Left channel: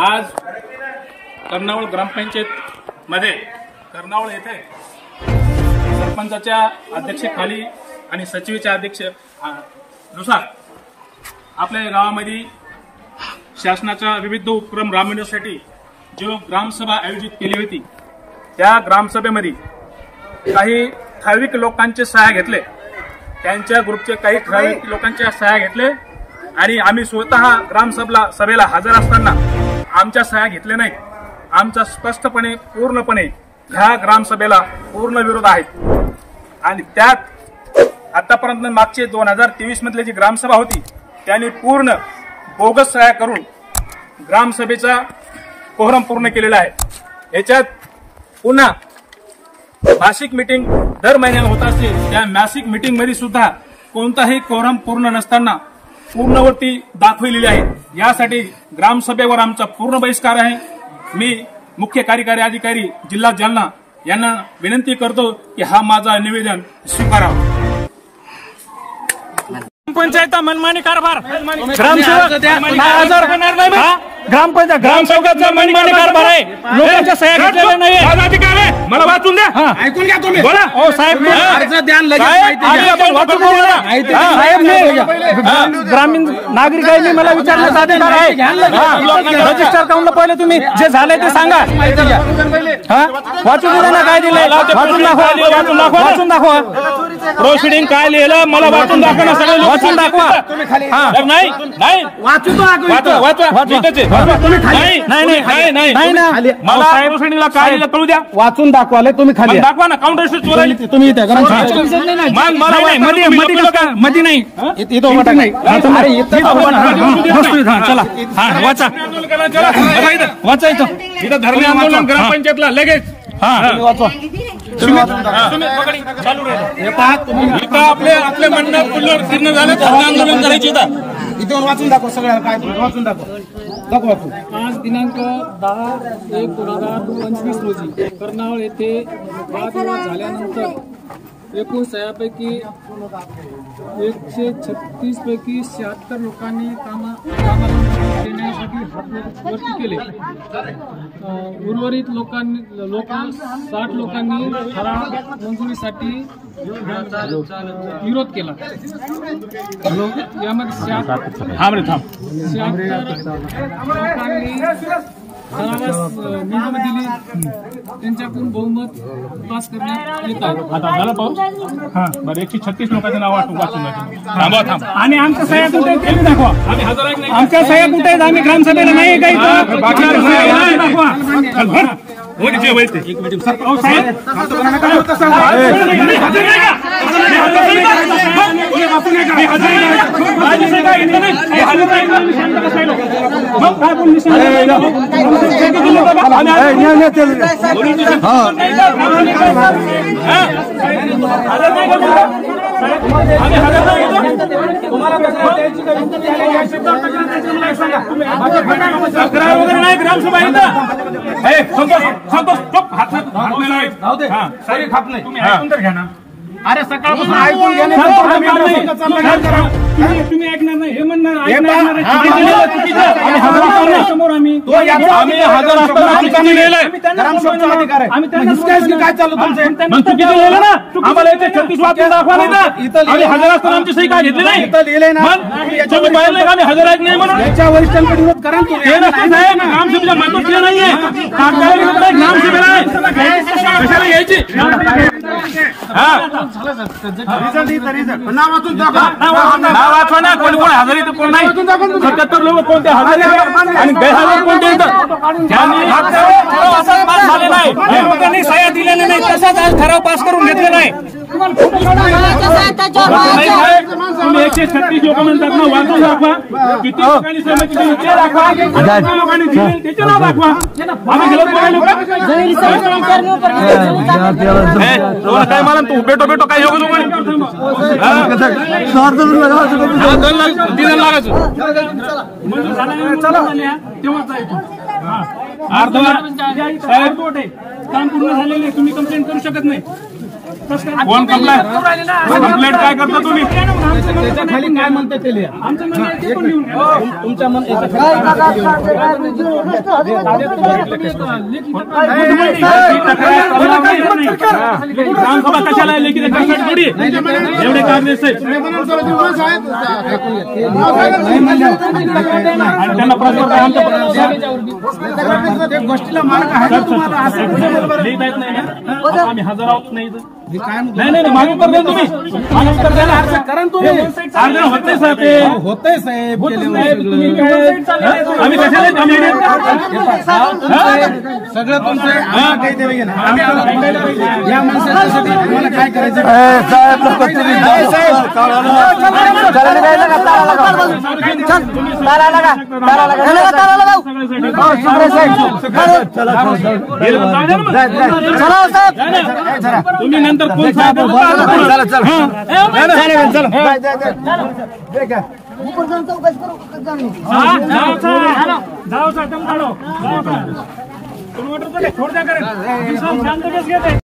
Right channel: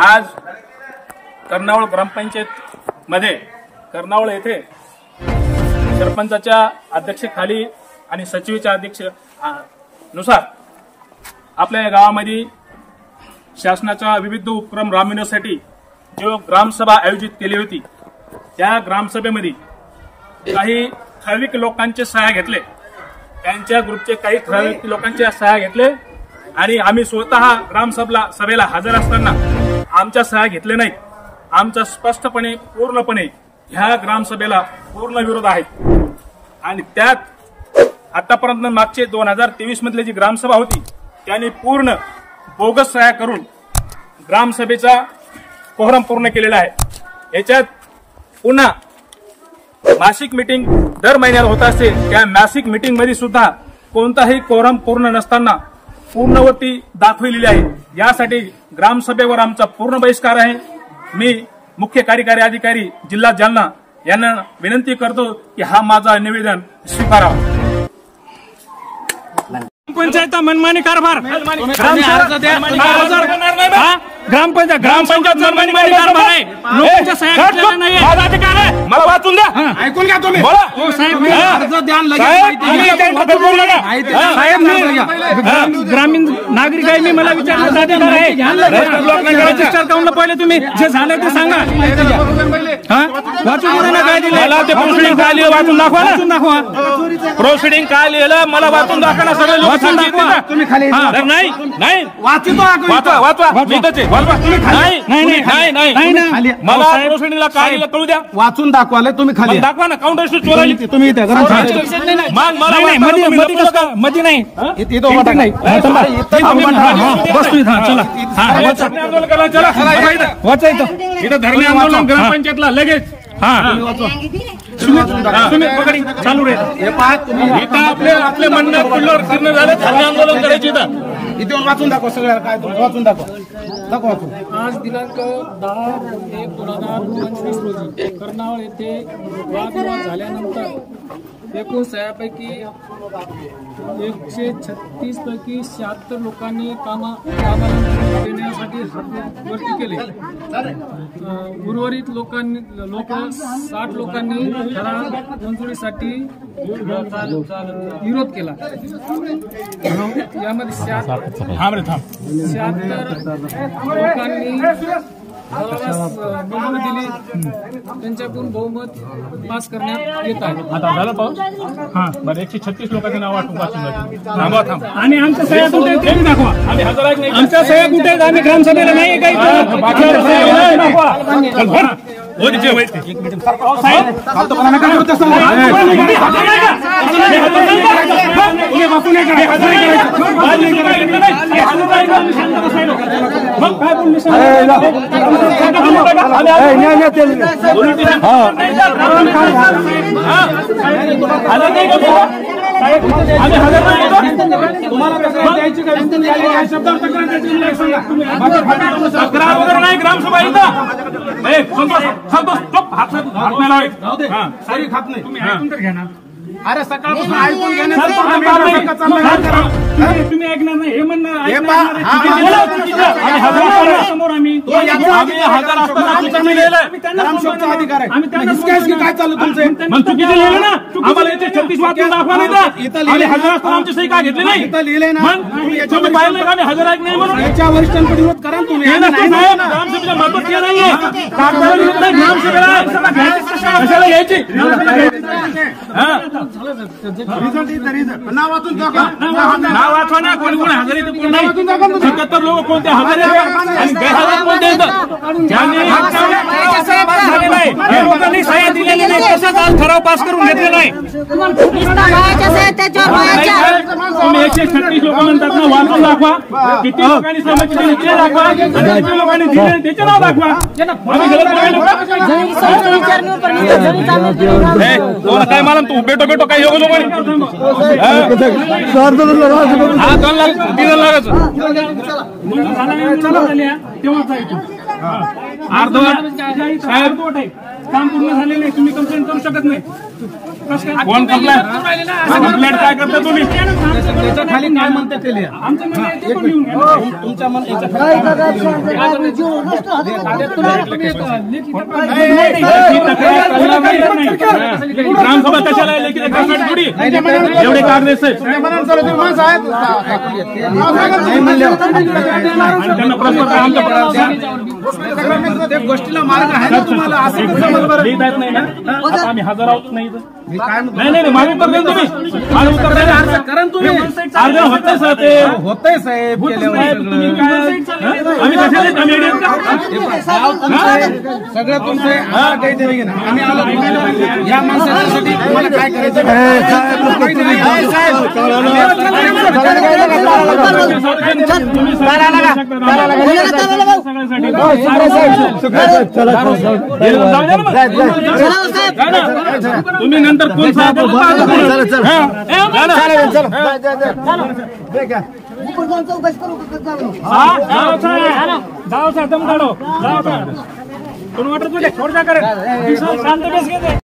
आज कर्नावळ ग्रामपंचायत मध्ये कर्नावळ येथे सरपंचाच्या अध्यक्षतेखाली आणि सचिवाच्या नुसार आपल्या गावामध्ये शासनाच्या विविध उपक्रम राबविण्यासाठी जो ग्रामसभा आयोजित केली होती त्या ग्रामसभेमध्ये काही ठराविक लोकांचे सहाय्य घेतले, त्यांच्या ग्रुपचे काही ठराविक लोकांचे सहाय्य घेतले आणि आम्ही स्वतः ग्रामसभेला हजर असताना आमच्या सहाय्य घेतले नाही। आमचा स्पष्टपणे पूर्णपणे ह्या ग्रामसभेला पूर्ण विरोध आहे आणि त्यात आतापर्यंत मागचे 2023 मधली जी ग्रामसभा होती त्यांनी पूर्ण बोगस सहाय्य करून ग्रामसभेचा कोहरम पूर्ण केलेला आहे। याच्यात पुन्हा मासिक मीटिंग दर महिन्याला होत असते, त्या मासिक मीटिंग मध्ये सुद्धा कोणताही कोहरम पूर्ण नसताना पूर्णवती दाखविलेली आहे। यासाठी ग्रामसभेवर आमचा पूर्ण बहिष्कार आहे। मी मुख्य कार्यकारी अधिकारी जिल्हा जालना यांना विनंती करतो की हा माझा निवेदन स्वीकारावा। पंचायत मनमानी कारभार ग्रामसेवकाचा मनमानी कारभार आहे, लोकांच्या सह्या घेतलेल्या नाहीये। मला वाचून द्या, ऐकून घ्या तुम्ही। हो साहेब, अर्ज द्या साहेब ग्रामीण नागरिक आहे, मी मला विचारण्याचा अधिकार आहे। रजिस्टर काउंटला पहिले तुम्ही जे झालंय ते सांगा। वाचून द्या ना काय दिलंय, वाचून दाखवा। प्रोसिडिंग काय लिहिलं मला वाचून दाखवा, सगळं वाचून दाखवा। तुम्ही खाली नाही नाही वाचतो प्रोसिडिंगला काय लिहिलं कळू द्या, वाचून दाखवाले तुम्ही खाली दाखवा ना। काउंटर शीट चोरायली तुम्ही इथे मध्ये नाही बसतो इथं। चला वाचा वाचायचं इथं धरणे आंदोलन ग्रामपंचायतला लगेच वाचवा। चालू इथं आपले म्हणणं पुढल्यावर फिरणं झालं, धरणे आंदोलन करायची इथं वाचून दाखव, सगळं काय वाचून दाखव। आज दिनांक 10/1/2025 रोजी कर्नावळ येथे वादविवाद झाल्यानंतर एकूण सह्यापैकी 136 पैकी 76 लोकांनी कामाला देण्यासाठी हात वरती केले। उर्वरित लोक 60 लोकांनी ठराव मंजुरीसाठी विरोध केला। यामध्ये 76 लोकांनी मंजुरी दिली, त्यांच्याकडून बहुमत पास करण्यात येत आहे। आता झालं पाऊस बरं। 136 लोकांचं नाव वाचून थांबा थांब आणि आमच्या सह्या कुठे आहेत ते दाखवा। आमच्या सह्या कुठे आहेत, आम्ही ग्रामसभेला नाही काही ग्रामसभा तुम्ही ऐकून तर घ्या ना। अरे सकाळपासून ऐकून घेणे तुम्ही ऐकणार नाही हे म्हणणार अधिकार आहे। काय चालू तुमचं चुकीचं लिहिलं ना, आम्हाला इथे 36 वाचून दाखवा नाही इथं हजर असताना आमची सही का घेतली नाही, इथं लिहिलंय ना। आम्ही हजर आहेत नाही म्हणून याच्या वरिष्ठांकडे विरोध करा तुम्ही। ग्रामसभेच्या मार्फत नाहीये, ग्रामसभेला कशाला घ्यायची। नाव वाचून दाखवा, नाव वाचवा ना। कोणी कोणी हजर इथं कोण नाही, 77 लोक कोणते हजर आहेत आणि गैरहजर कोणते या लोकांनी सह्या दिलेल्या नाही, तसाच आज ठराव पास करून घेतलेला आहे। तुम्ही 136 लोक म्हणतात ना, वाचून दाखवा किती लोकांनी सहमती दिली ते दाखवा आणि किती लोकांनी दिले त्याचे नाव दाखवा। दोन काय मला तू बेटो काय योग हा 2 लाख 3 लाखाचं साहेब काम पूर्ण झालेलं आहे, तुम्ही कंप्लेंट करू शकत नाही। कोण कंप्लेंट काय करता तुम्ही? त्याच्या खाली काय म्हणते ते लिहा. तुमच्या मन ग्रामसभा कशाला लेखी थोडी एवढे काँग्रेस आहेत प्रत्येक गोष्टीला मार्ग आहे ना तुम्हाला. असं लिहिता येत नाही ना? आम्ही हजर आहोत नाही नाही मागे उत्तर द्या तुम्ही. मागे उत्तर द्या. कारण तुम्ही अर्ज होतंय साहेब ते होतंय साहेब आम्ही कशाला सगळं तुमचं या माणसासाठी तुम्हाला काय करायचं तुम्ही नंतर कोण साहेब शांत केस घेते.